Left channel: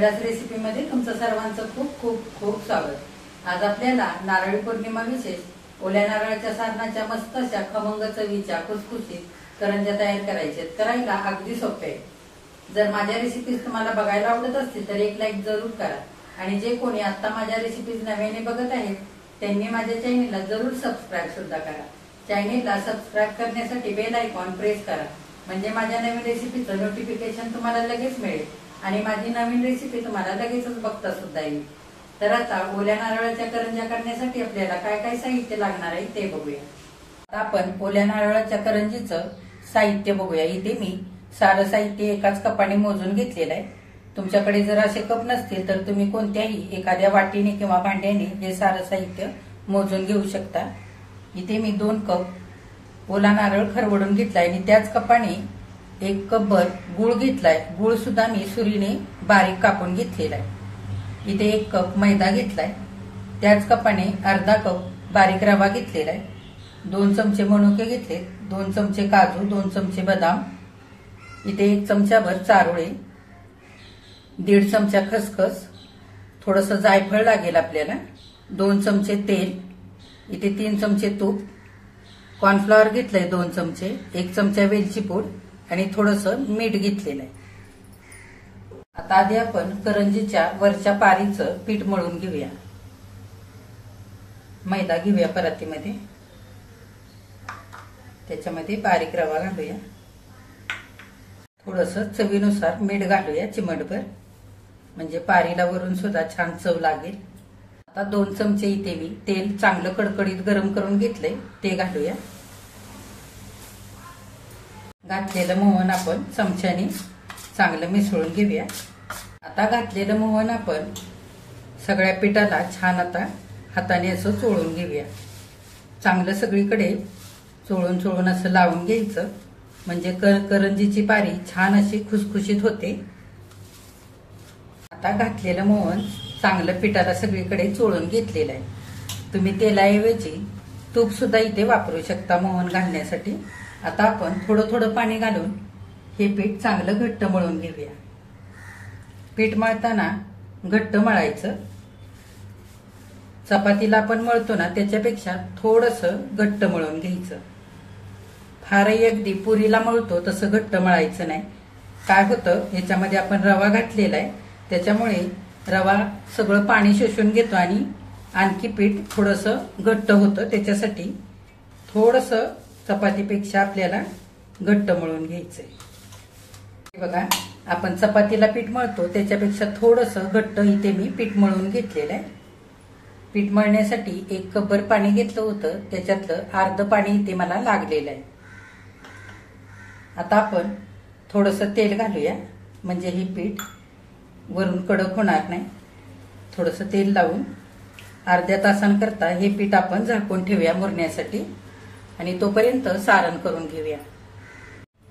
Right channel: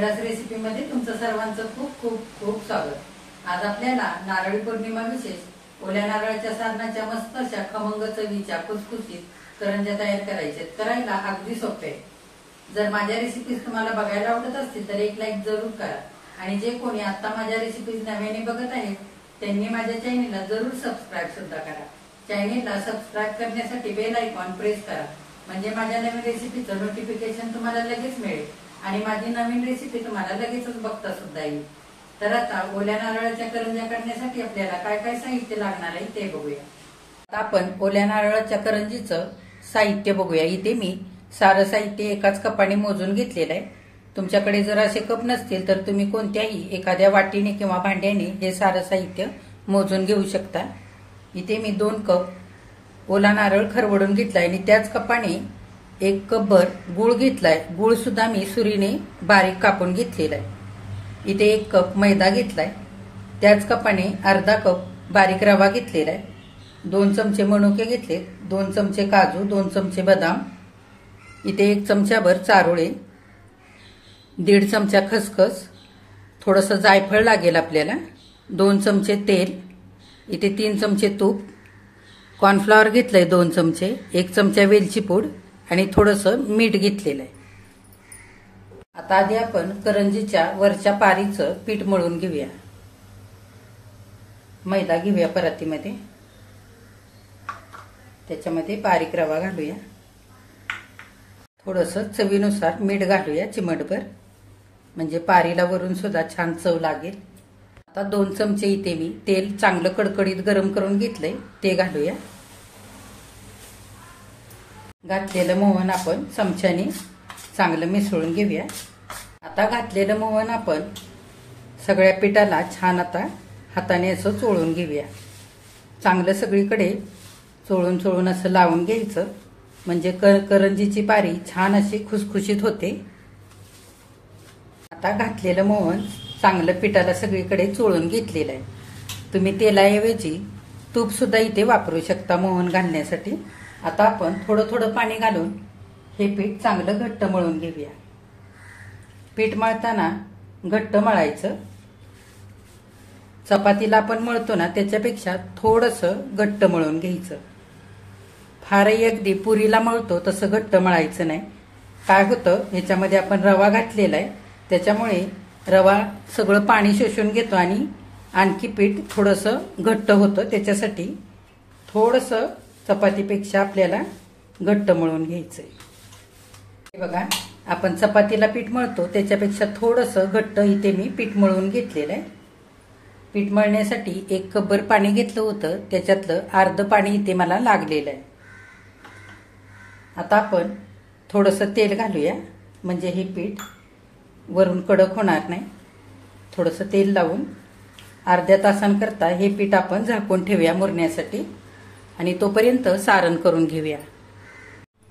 समीराज रेसिपीमध्ये तुमचं सर्वांचं खूप खूप खूप स्वागत। आज आपल्याला नारळी पौर्णिमा विशेष ओल्या नारळाच्या सारणाच्या मस्त अशा खमंग चवीच्या खुसखुशीत करंज्या तयार करायचे। करायला अगदी सोपे आहे। जर माझ्या रेसिपीज तुम्हाला बघायला आवडत असतील तर एक लाईक जरूर करा आणि जे कोणी आता माझ्या रेसिपीज नव्याने बघत आहेत त्यांनी माझ्या चॅनेलला जरूर सबस्क्राईब सुद्धा करा। चॅनेलला सबस्क्राईब करण्यासाठी बेल आयकॉन प्रेस करा म्हणजे माझ्या नवीन रेसिपीचं नोटिफिकेशन तुम्हाला लगेच मिळेल आणि माझी नवीन रेसिपी तुम्हाला लगेचच बघता सुद्धा येईल। तर आता ओल्या नारळाच्या करंज्या करण्यासाठी आपल्याला काय काय साहित्य लागणार आहे ते बघूया। आता आपण ओल्या नारळाच्या करंजीचं साहित्य बघूया। इथे मी सारं साहित्य एकाच कपाने मोजून घेतलेलं आहे। तुमच्याकडे जर असे कप नसतील तर तुम्ही कोणत्याही एखाद्या वाटीने किंवा भांड्याने हे सारं साहित्य मोजून घेऊ शकता। इथे मी 2 कप ओला नारळ खरवडून घेतलाय आणि त्याच कपाने 1 कपभर गुळ घेतलाय। गुळ सुद्धा मी सुरीने बारीक कापून घेतलेला आहे। इथे 1 कप मैदा घेतलाय। त्याच कपाने अर्धा कप बारीक रवा घेतलेला आहे। 2 चमचे मनुके घेतले, 2 चमचे काजू, 2 चमचे बदाम, इथे 1 चमचाभर चारोळे, 1.5 चमचा खसखस, थोडंसं जायफळ लागेल आपल्याला, 2 चमचे तेल, इथे 3 चमचे तूप, कॉर्नफ्लॉवर घेतलंय 2 चमचे, 1 चमचा वेलची पूड आणि थोडंसं मीठ घेतलेलं आहे। आता आधी आपण करंजीच्या वरच्या पारीचं पीठ मळून घेऊया। मैदा घेऊया परातीमध्ये, त्याच्यामध्ये बारीक रवा घालूया, थोडंसं चवीनुसार मीठ घालूया चिमटभर म्हणजे पारीला वरून सुद्धा छान चव लागेल। आता 2 चमचे इथे मी तेल चांगलं कडकडीत गरम करून घेतलंय ते घालूया। घातलेलं मोहन आपण चमच्याने चांगलं मिसळून घेऊया। आता घातलेलं मोहन आपण सगळ्या पिठाला छान आता हाताने असं चोळून घेऊया। चांगलं सगळीकडे चोळून चोळून असं लावून घ्यायचं म्हणजे करंजीची पारी छान अशी खुसखुशीत होते। आता घातलेलं मोहन चांगलं पिठाला सगळीकडे चोळून घेतलेलं आहे। तुम्ही तेलाऐवजी तूप सुद्धा इथे वापरू शकता मोहन घालण्यासाठी। आता आपण थोडं थोडं पाणी घालून हे पीठ चांगलं घट्ट मळून घेऊया। पीठ मळताना घट्ट मळायचं। चपातीला आपण मळतो ना त्याच्यापेक्षा थोडंसं घट्ट मळून घ्यायचं। फारही अगदी पुरीला मळतो तसं घट्ट मळायचं नाही। काय होतं ह्याच्यामध्ये आपण रवा घातलेला आहे त्याच्यामुळे रवा सगळं पाणी शोषून घेतो आणि आणखी पीठ थोडंसं घट्ट होतं, त्याच्यासाठी थोडंसं चपातीपेक्षा आपल्याला घट्ट मळून घ्यायचंय। बघा आपण चपातीला पीठ मळतो त्याच्यापेक्षा थोडंसं घट्ट इथे मी पीठ मळून घेतलेलं आहे। पीठ मळण्यासाठी 1 कपभर पाणी घेतलं होतं त्याच्यातलं अर्ध पाणी इथे मला लागलेलं आहे। आता आपण थोडंसं तेल घालूया म्हणजे हे पीठ वरून कडक होणार नाही। थोडंसं तेल लावून अर्ध्या तासांकरता हे पीठ आपण झाकून ठेवूया मुरण्यासाठी आणि तोपर्यंत सारण करून घेऊया।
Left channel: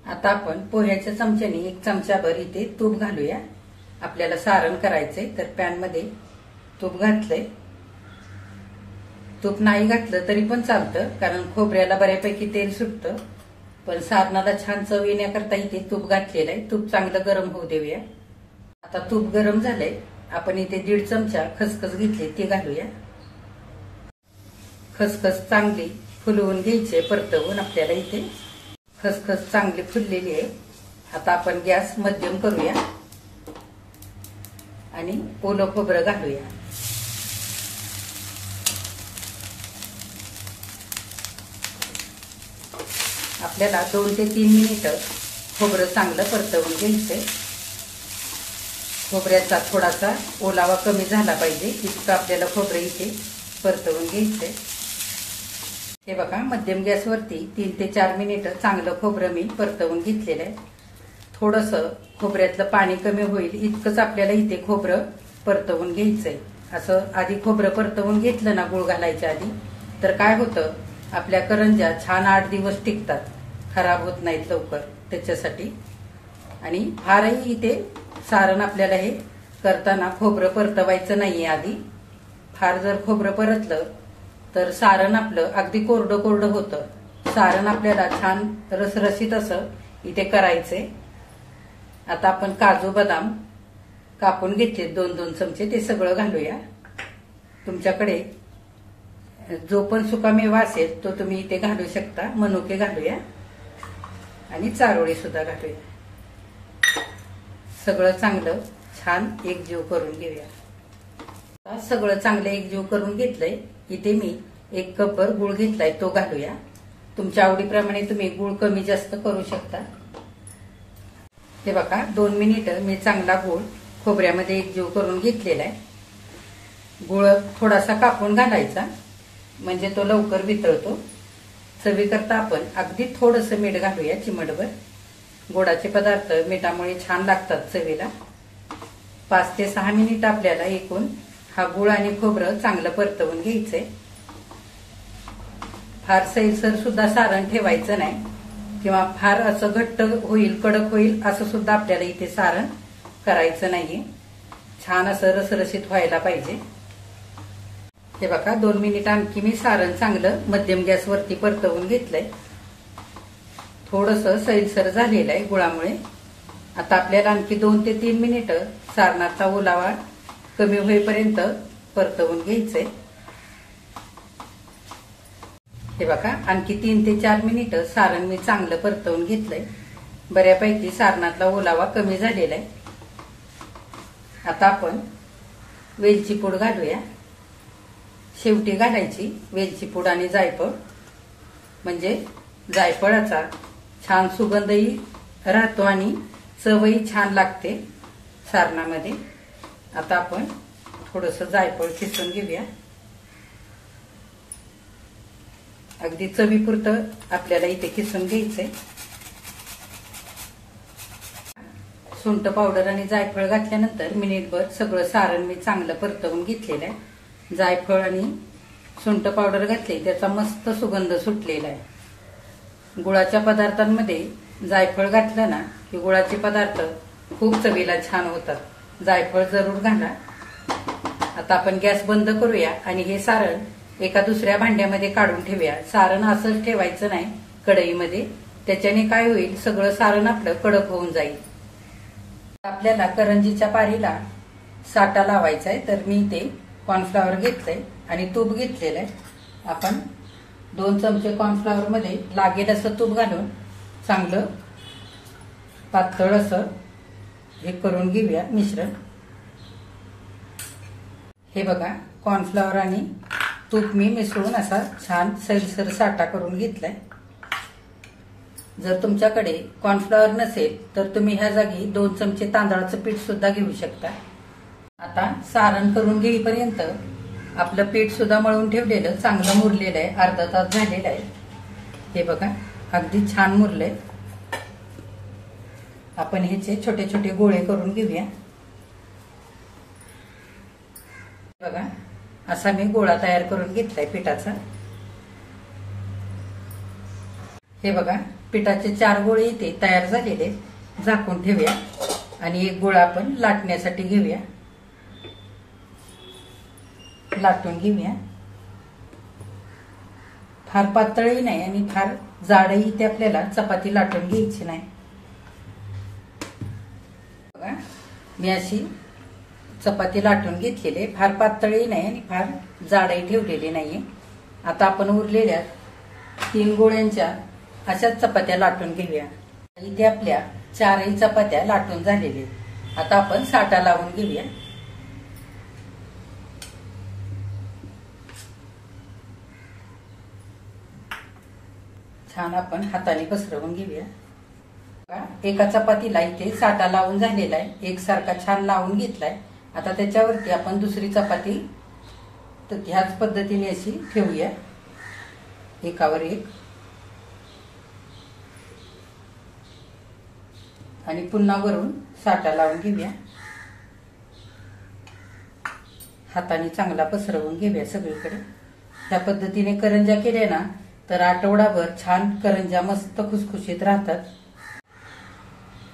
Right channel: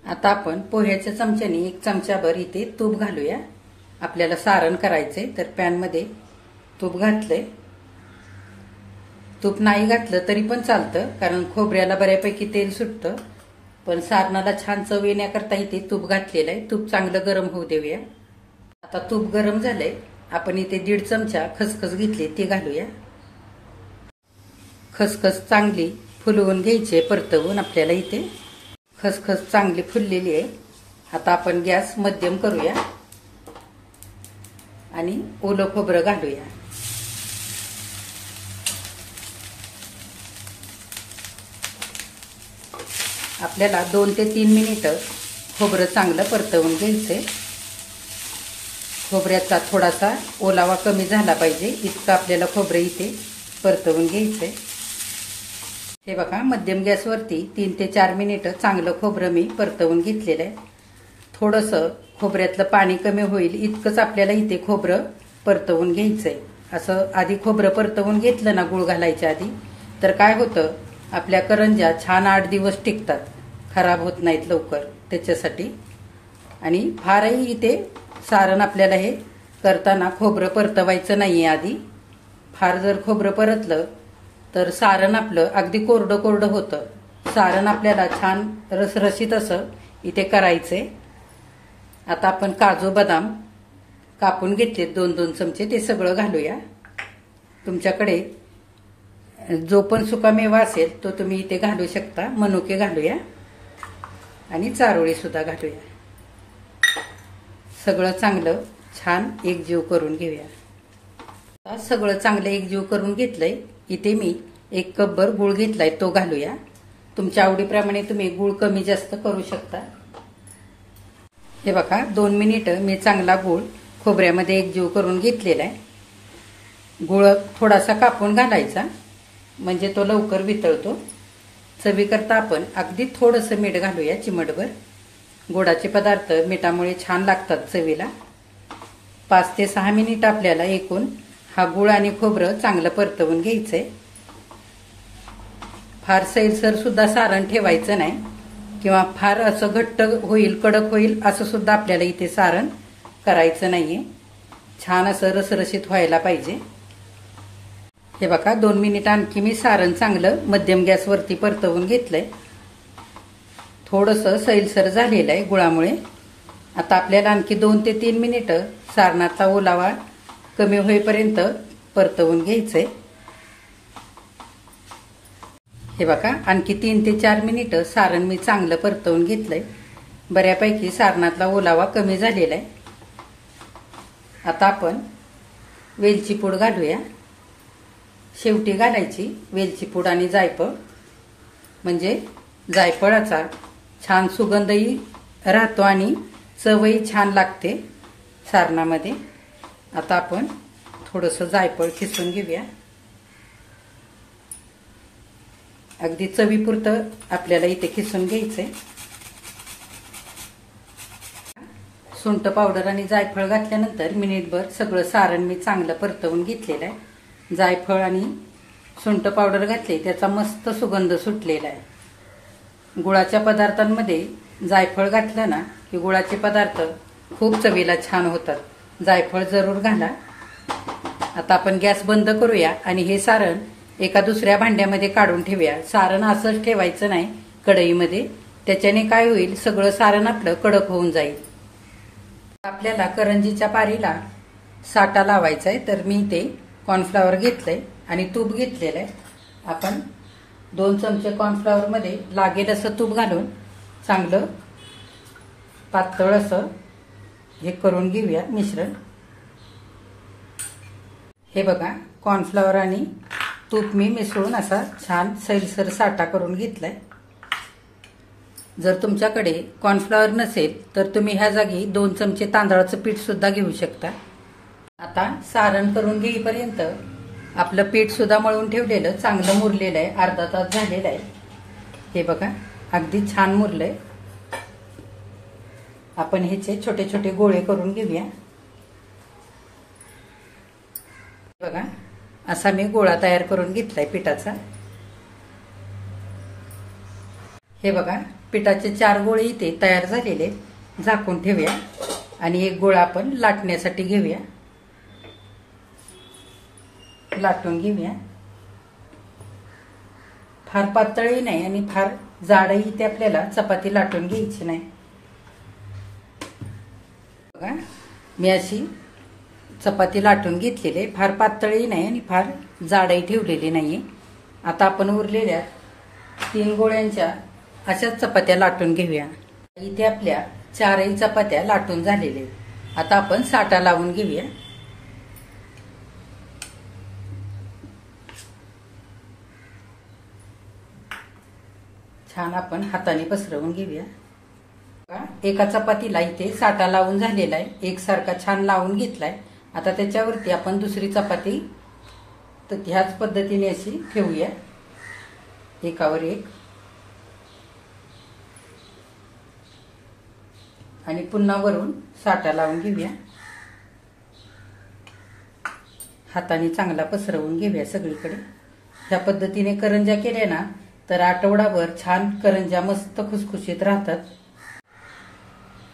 आता आपण पोह्याच्या चमच्याने 1 चमचाभर इथे तूप घालूया। आपल्याला सारण करायचंय तर पॅनमध्ये तूप घातलंय। तूप नाही घातलं तरी पण चालतं कारण खोबऱ्याला बऱ्यापैकी तेल सुटतं, पण सारणाला छान चव येण्याकरता इथे तूप घातलेलं आहे। तूप चांगलं गरम होऊ देऊया। आता तूप गरम झालंय, आपण इथे 1.5 चमचा खसखस घेतली ते घालूया। खसखस चांगली फुलवून घ्यायची परतवून आपल्याला इथे खसखस चांगली फुललेली आहे। आता आपण गॅस मध्यम करूया आणि ओलं खोबरं घालूया। आपल्याला 2 ते 3 मिनिटं खोबरं चांगलं परतवून घ्यायचंय। खोबऱ्याचा थोडासा ओलावा कमी झाला पाहिजे इतकं आपल्याला खोबरं इथे परतवून घ्यायचंय। हे बघा मध्यम गॅसवरती 3 ते 4 मिनिटं चांगलं खोबरं मी परतवून घेतलेलं आहे। थोडंसं खोबऱ्यातलं पाणी कमी होईल इतकंच आपल्याला इथे खोबरं परतवून घ्यायचंय। असं आधी खोबरं परतवून घेतलं ना गुळ घालायच्या आधी तर काय होतं आपल्या करंज्या छान 8 दिवस टिकतात, खराब होत नाहीत लवकर त्याच्यासाठी। आणि फारही इथे सारण आपल्याला हे करताना खोबरं परतवायचं नाहीये आधी। फार जर खोबरं परतलं तर सारण आपलं अगदी कोरडं कोरडं होतं। सारण आपल्याला छान रसरशीत असं इथे करायचंय। आता आपण काजू बदाम कापून घेतले 2-2 चमचे, ते सगळं घालूया. तुमच्याकडे जो पण सुकामेवा असेल तो तुम्ही इथे घालू शकता. मनुके घालूया आणि चारोळी सुद्धा घालूया. सगळं चांगलं छान एकजीव करून घेऊया. सगळं चांगलं एकजीव करून घेतलंय. इथे मी 1 कपभर गुळ घेतलाय, तो घालूया. तुमच्या आवडीप्रमाणे तुम्ही गुळ कमी जास्त करू शकता. हे बघा 2 मिनिटं मी चांगला गुळ खोबऱ्यामध्ये एकजीव करून घेतलेला आहे. गुळ थोडासा कापून घालायचा म्हणजे तो लवकर वितळतो. चवीकरता आपण अगदी थोडंसं मीठ घालूया, चिमटभर. गोडाचे पदार्थ मिठामुळे छान लागतात चवीला. 5 ते 6 मिनिट आपल्याला एकूण हा गुळ आणि खोबरं चांगलं परतवून घ्यायचंय. फार सैलसर सुद्धा सारण ठेवायचं नाही किंवा फार असं घट्ट होईल, कडक होईल असं सुद्धा आपल्याला इथे सारण करायचं नाहीये. छान असं रसरशीत व्हायला पाहिजे. हे बघा 2 मिनिट आणखी मी सारण चांगलं मध्यम गॅसवरती परतवून घेतलंय. थोडंसं सैलसर झालेलं आहे गुळामुळे. आता आपल्याला आणखी 2 ते 3 मिनिटं सारणाचा ओलावा कमी होईपर्यंत परतवून घ्यायचंय. हे बघा आणखी 3 ते 4 मिनिटं सारण मी चांगलं परतवून घेतलंय. बऱ्यापैकी सारणातला ओलावा कमी झालेला आहे. आता आपण वेलची पूड घालूया. शेवटी घालायची वेलची पूड आणि जायफळ, म्हणजे जायफळाचा छान सुगंधही राहतो आणि चवही छान लागते सारणामध्ये. आता आपण थोडंसं जायफळ किसून घेऊया. अगदी चवीपुरतं आपल्याला इथे किसून घ्यायचंय. सुंठ पावडर आणि जायफळ घातल्यानंतर मिनिटभर सगळं सारण मी चांगलं परतवून घेतलेलं आहे. जायफळ आणि सुंठ पावडर घातले, त्याचा मस्त सुगंध सुटलेला आहे. गुळाच्या पदार्थांमध्ये जायफळ घातलं ना की गुळाचे पदार्थ खूप चवीला छान होतात. जायफळ जरूर घाला. आता आपण गॅस बंद करूया आणि हे सारण एका दुसऱ्या भांड्यामध्ये काढून ठेवूया. सारण असंच ठेवायचं नाही कढईमध्ये, त्याच्याने काय होईल, सगळं सारण आपलं कडक होऊन जाईल. आपल्याला करंजीच्या पारीला साठा लावायचा आहे, तर मी ते कॉर्नफ्लॉवर घेतलंय आणि तूप घेतलेलं आहे. आपण 2 चमचे कॉर्नफ्लॉवर मध्ये लागेल असं तूप घालून चांगलं पातळ असं हे करून घेऊया मिश्रण. हे बघा कॉर्नफ्लॉवर आणि तूप मी मिसळून असा छान सैलसर साठा करून घेतलाय. जर तुमच्याकडे कॉर्नफ्लॉवर नसेल तर तुम्ही ह्या जागी 2 चमचे तांदळाचं पीठ सुद्धा घेऊ शकता. आता सारण करून घेईपर्यंत आपलं पीठ सुद्धा मळून ठेवलेलं चांगलं मुरलेलं आहे. अर्धा तास झालेला आहे. हे बघा अगदी छान मुरलंय. आपण ह्याचे छोटे छोटे गोळे करून घेऊया. बघा असा मी गोळा तयार करून घेतलाय पिठाचा. हे बघा पिठाचे 4 गोळे इथे तयार झालेले. झाकून ठेवूया आणि एक गोळा आपण लाटण्यासाठी घेऊया. लाटून घेऊया. फार पातळही नाही आणि फार जाडही ते आपल्याला चपाती लाटून घ्यायची नाही. बघा मी अशी चपाती लाटून घेतलेली. फार पातळही नाही आणि फार जाडही ठेवलेली नाहीये. आता आपण उरलेल्या 3 गोळ्यांच्या अशाच चपात्या लाटून घेऊया. इथे आपल्या 4ही चपात्या लाटून झालेल्या. आता आपण साठा लावून घेऊया. छान आपण हाताने पसरवून घेऊया. एका चपातीला इथे साठा लावून झालेला आहे. एकसारखा छान लावून घेतलाय. आता त्याच्यावरती आपण दुसरी चपाती तर ह्याच पद्धतीने अशी ठेवूया एकावर एक आणि पुन्हा वरून साठा लावून घेऊया. हाताने चांगला पसरवून घेऊया सगळीकडे. ह्या पद्धतीने करंज्या केल्या ना तर आठवडाभर छान करंज्या मस्त खुसखुशीत राहतात.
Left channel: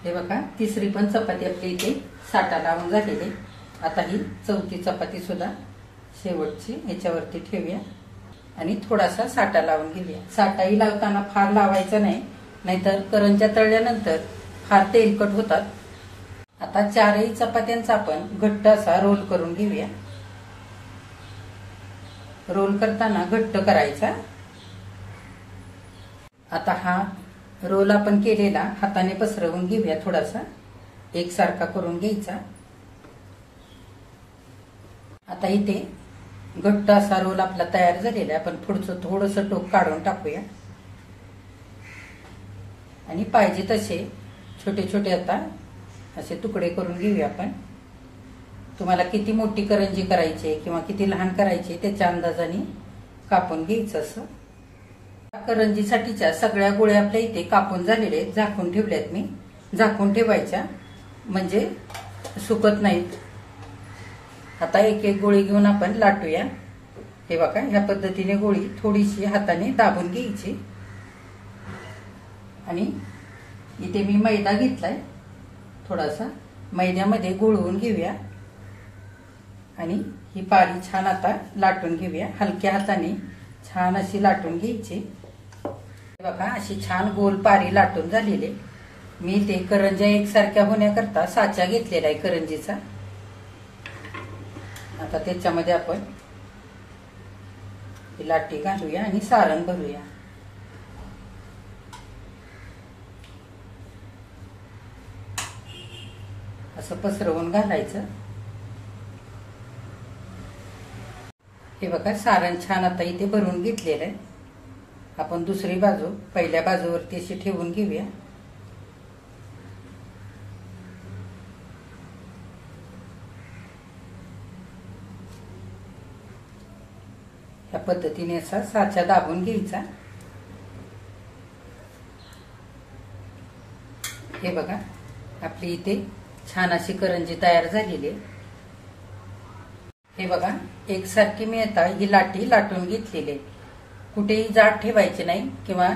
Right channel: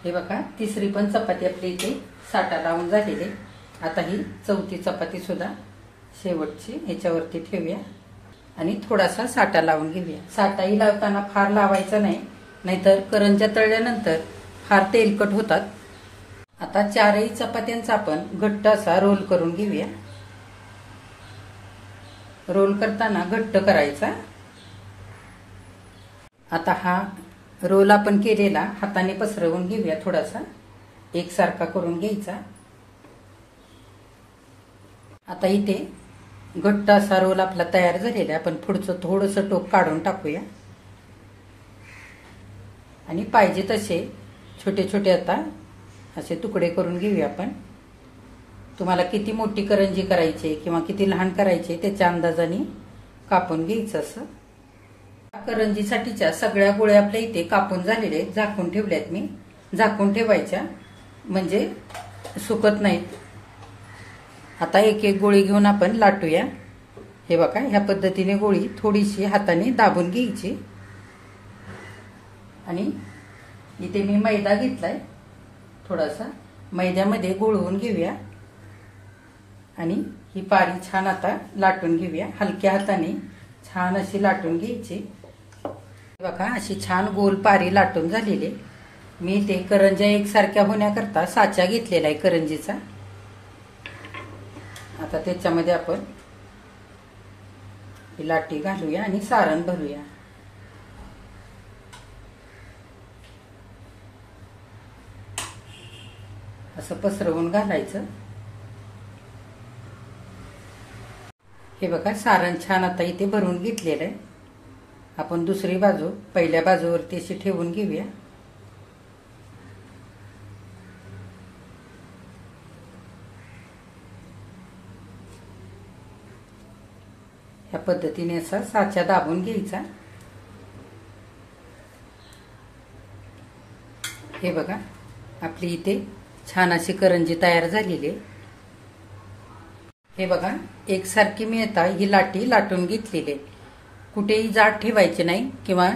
हे बघा तिसरी पण चपाती आपली इथे साठा लावून झालेली. आता ही 4थी चपाती सुद्धा शेवटची याच्यावरती ठेवूया आणि थोडासा साठा लावून घेऊया. साठाही लावताना फार लावायचा नाही, नाहीतर करंज्या तळल्यानंतर फार तेलकट होतात. आता चारही चपात्यांचा आपण घट्ट असा रोल करून घेऊया. रोल करताना घट्ट करायचा. आता हा रोल आपण केलेला हाताने पसरवून घेऊया. थोडासा एकसारखा करून घ्यायचा. आता इथे घट्ट असा रोल आपला तयार झालेला आहे. आपण पुढचं थोडंसं टोक काढून टाकूया आणि पाहिजे तसे छोटे छोटे आता असे तुकडे करून घेऊया आपण. तुम्हाला किती मोठी करंजी करायची किंवा किती लहान करायची त्याच्या अंदाजाने कापून घ्यायचं. असं करंजीसाठीच्या सगळ्या गोळ्या आपल्या इथे कापून झालेले झाकून ठेवल्यात मी. झाकून ठेवायच्या म्हणजे सुकत नाहीत. आता एक एक गोळी घेऊन आपण लाटूया. हे बघा, ह्या पद्धतीने गोळी थोडीशी हाताने दाबून घ्यायची. आणि इथे मी मैदा घेतलाय. थोडासा मैद्यामध्ये गोळवून घेऊया आणि ही पारी छान आता लाटून घेऊया. हलक्या हाताने छान अशी लाटून घ्यायची. बघा, अशी छान गोल पारी लाटून झालेली. मी ते करंज्या एकसारख्या होण्याकरता साचा घेतलेला आहे करंजीचा. आता त्याच्यामध्ये आपण ही लाटी घालूया आणि सारण भरूया. असं पसरवून घालायचं. हे बघा, सारण छान आता इथे भरून घेतलेलं आहे. आपण दुसरी बाजू पहिल्या बाजूवरती अशी ठेवून घेऊया. ह्या पद्धतीने असा साचा दाबून घ्यायचा. हे बघा, आपली इथे छान अशी करंजी तयार झालेली आहे. हे बघा, एकसारखी मी आता ही लाटी लाटून घेतलेली आहे. कुठेही जाड ठेवायची नाही किंवा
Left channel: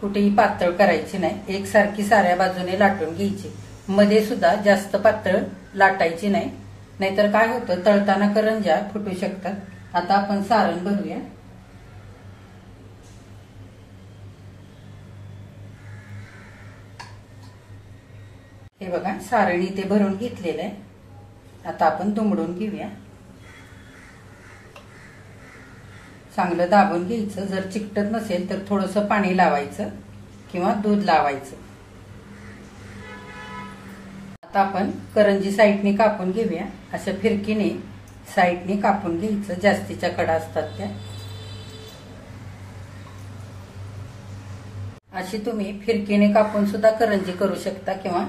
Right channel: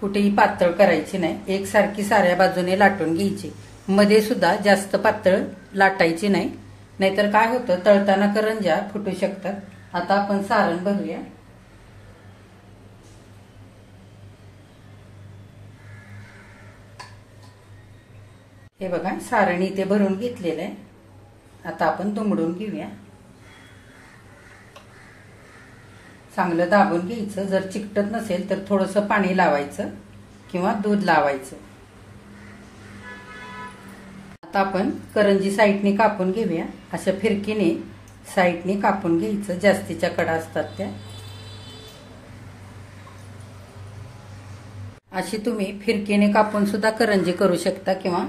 कुठेही पातळ करायची नाही. एकसारखी साऱ्या बाजूने लाटून घ्यायची. मध्ये सुद्धा जास्त पातळ लाटायची नाही, नाहीतर काय होतं तळताना करंज्या फुटू शकतात. आता आपण सारण भरूया. हे बघा, सारण इथे भरून घेतलेलं आहे. आता आपण दुमडून घेऊया. चांगलं दाबून घ्यायचं. जर चिकटत नसेल तर थोडंसं पाणी लावायचं किंवा दूध लावायचं. आता आपण करंजी साईडने कापून घेऊया. असं फिरकीने साईडने कापून घ्यायचं. जास्तीच्या कडा असतात त्या. अशी तुम्ही फिरकीने कापून सुद्धा करंजी करू शकता किंवा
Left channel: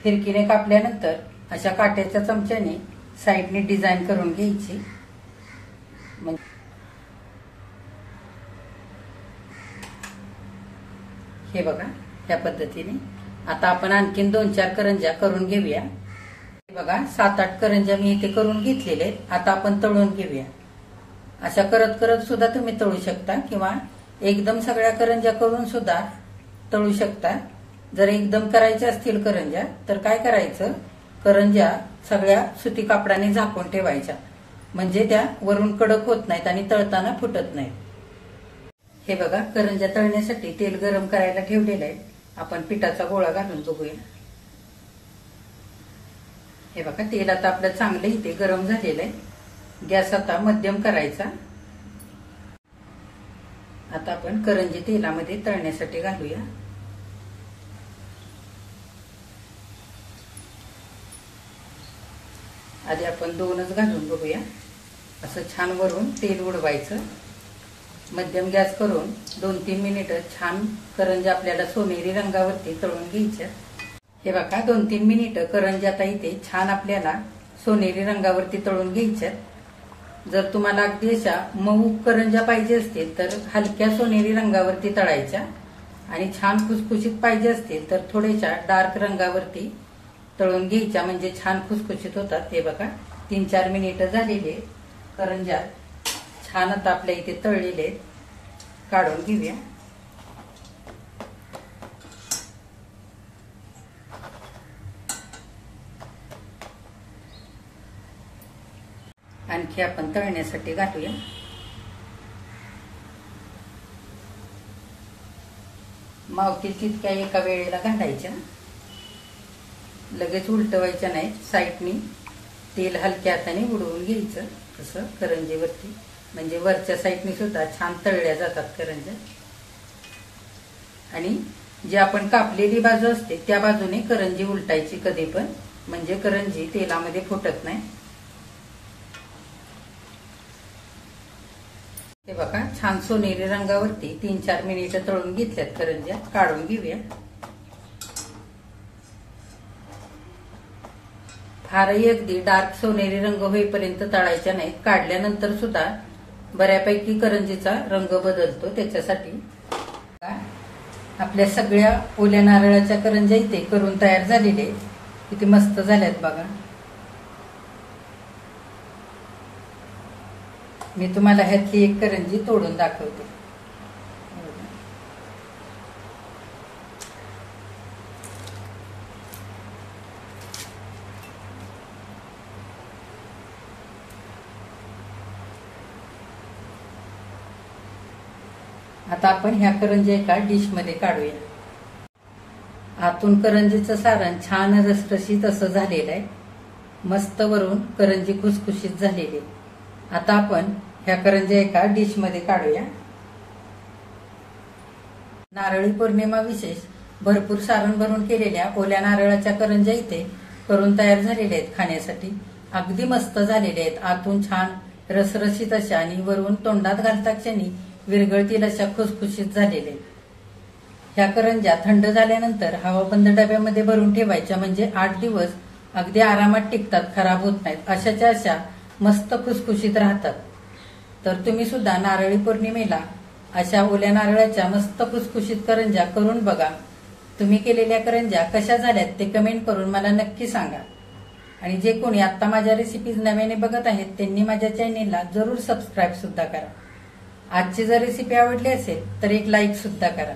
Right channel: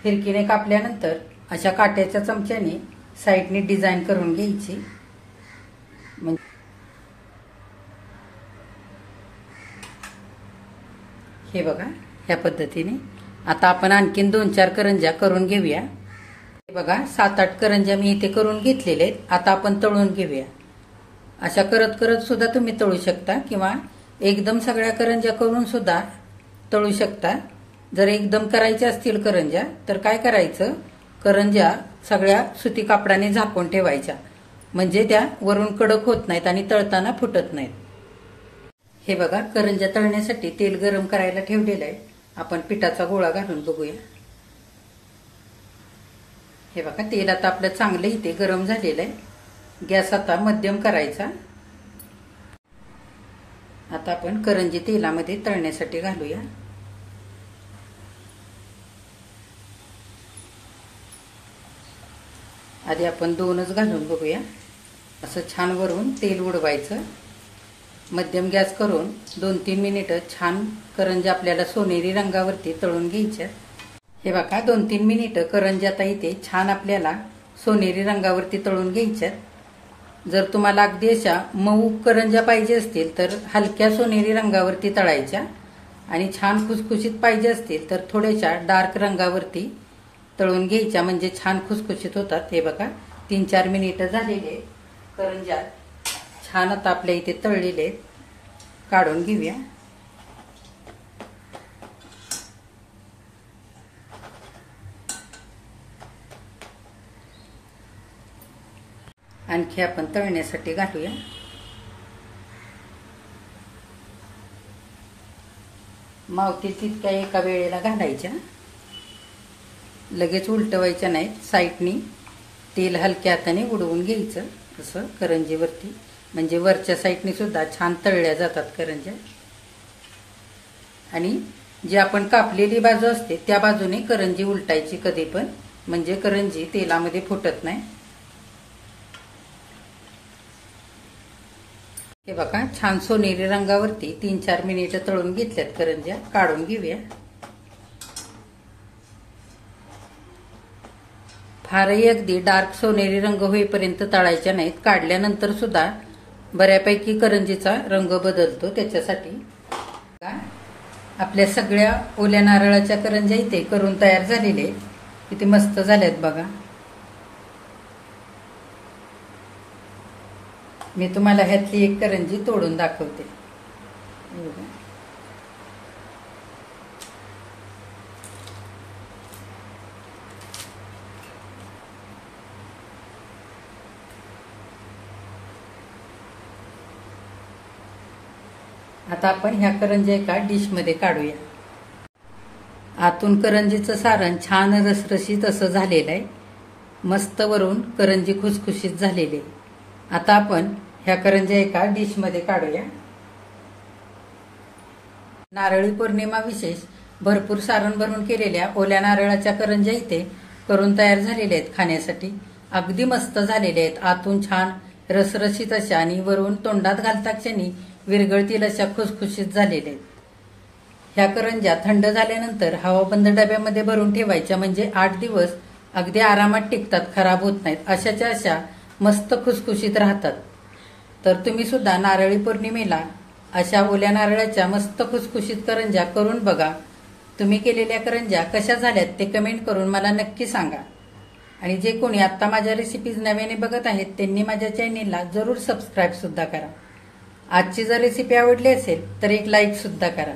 फिरकीने कापल्यानंतर अशा काट्याच्या चमच्याने साईडने डिझाईन करून घ्यायची. हे बघा, ह्या पद्धतीने आता आपण आणखीन 2-4 करंज्या करून घेऊया. हे बघा, 7-8 करंज्या मी इथे करून घेतलेल्या आहेत. आता आपण तळून घेऊया. अशा करत करत सुद्धा तुम्ही तळू शकता किंवा एकदम सगळ्या करंज्या करून सुद्धा तळू शकता. जर एकदम करायच्या असतील करंज्या तर काय करायचं, करंज्या सगळ्या सुती कापडाने झाकून ठेवायच्या. म्हणजे त्या वरून कडक होत नाहीत आणि तळताना फुटत नाहीत. हे बघा, करंज्या तळण्यासाठी तेल गरम करायला ठेवलेलं आहे. आपण पिठाचा गोळा घालून बघूया. हे बघा, तेल आता आपलं चांगलं इथे गरम झालेलं आहे. गॅस आता मध्यम करायचा. आता आपण करंजी तेलामध्ये तळण्यासाठी घालूया. आधी आपण 2च घालून बघूया. असं छान वरून तेल उडवायचं. मध्यम गॅस करून 2-3 मिनिटं छान करंज्या आपल्याला सोनेरी रंगावरती तळून घ्यायच्या. हे बघा, 2-3 मिनिटं करंज्या आता इथे छान आपल्याला सोनेरी रंगावरती तळून घ्यायच्या. जर तुम्हाला अगदी अशा मऊ करंज्या पाहिजे असतील तर हलक्या सोनेरी रंगावरती तळायच्या आणि छान खुसखुशीत पाहिजे असतील तर थोड्याशा डार्क रंगावरती तळून घ्यायच्या. म्हणजे छान खुसखुशीत होतात. हे बघा, 3-4 मिनिटं झालेले करंज्या छान आता आपल्या इथे तळलेले काढून घेऊया. आणखी आपण तळण्यासाठी घालूया. मावतील तितक्या एका वेळेला घालायच्या. लगेच उलटवायच्या नाहीत, साईडनी तेल हलक्या हाताने उडवून घ्यायचं असं करंजीवरती, म्हणजे वरच्या साईडनी सुद्धा छान तळल्या जातात करंज्या. आणि जी आपण कापलेली बाजू असते त्या बाजूने करंजी उलटायची कधी पण, म्हणजे करंजी तेलामध्ये फुटत नाही. हे बघा, छान सोनेरी रंगावरती 3-4 मिनिटं तळून घेतल्यात करंज्या. काढून घेऊया. फारही अगदी डार्क सोनेरी रंग होईपर्यंत तळायच्या नाहीत. काढल्यानंतर सुद्धा बऱ्यापैकी करंजीचा रंग बदलतो. त्याच्यासाठी आपल्या सगळ्या ओल्या नारळाच्या करंज्या इथे करून तयार झालेले आहेत. किती मस्त झाल्यात बघा. मी तुम्हाला ह्यातली एक करंजी तोडून दाखवते. आता आपण ह्या करंज्या एका डिश मध्ये काढूया. आतून करंजीचं सारण छान रसरशीत असं झालेलं आहे. मस्त वरून करंजी खुसखुशीत झालेली. आता आपण ह्या करंज्या एका डिश मध्ये काढूया. नारळी पौर्णिमा विशेष भरपूर सारण भरून केलेल्या ओल्या नारळाच्या करंज्या इथे करून तयार झालेल्या आहेत खाण्यासाठी. अगदी मस्त झालेल्या आहेत. आतून छान रसरशीत अशा आणि वरून तोंडात घालता क्षणी विरघळतील अशा खुसखुशीत झालेल्या आहेत. ह्या करंज्या थंड झाल्यानंतर हवाबंद डब्यामध्ये भरून ठेवायच्या, म्हणजे 8 दिवस अगदी आरामात टिकतात, खराब होत नाहीत. अशाच्या अशा मस्त खुसखुशीत राहतात. तर तुम्ही सुद्धा नारळी पौर्णिमेला अशा ओल्या नारळाच्या मस्त खुसखुशीत करंज्या करून बघा. तुम्ही केलेल्या करंज्या कशा झाल्यात ते कमेंट करून मला नक्की सांगा. आणि जे कोणी आता माझ्या रेसिपीज नव्याने बघत आहेत त्यांनी माझ्या चॅनेलला जरूर सबस्क्राईब सुद्धा करा. आजची जर रेसिपी आवडली असेल तर एक लाईक सुद्धा करा.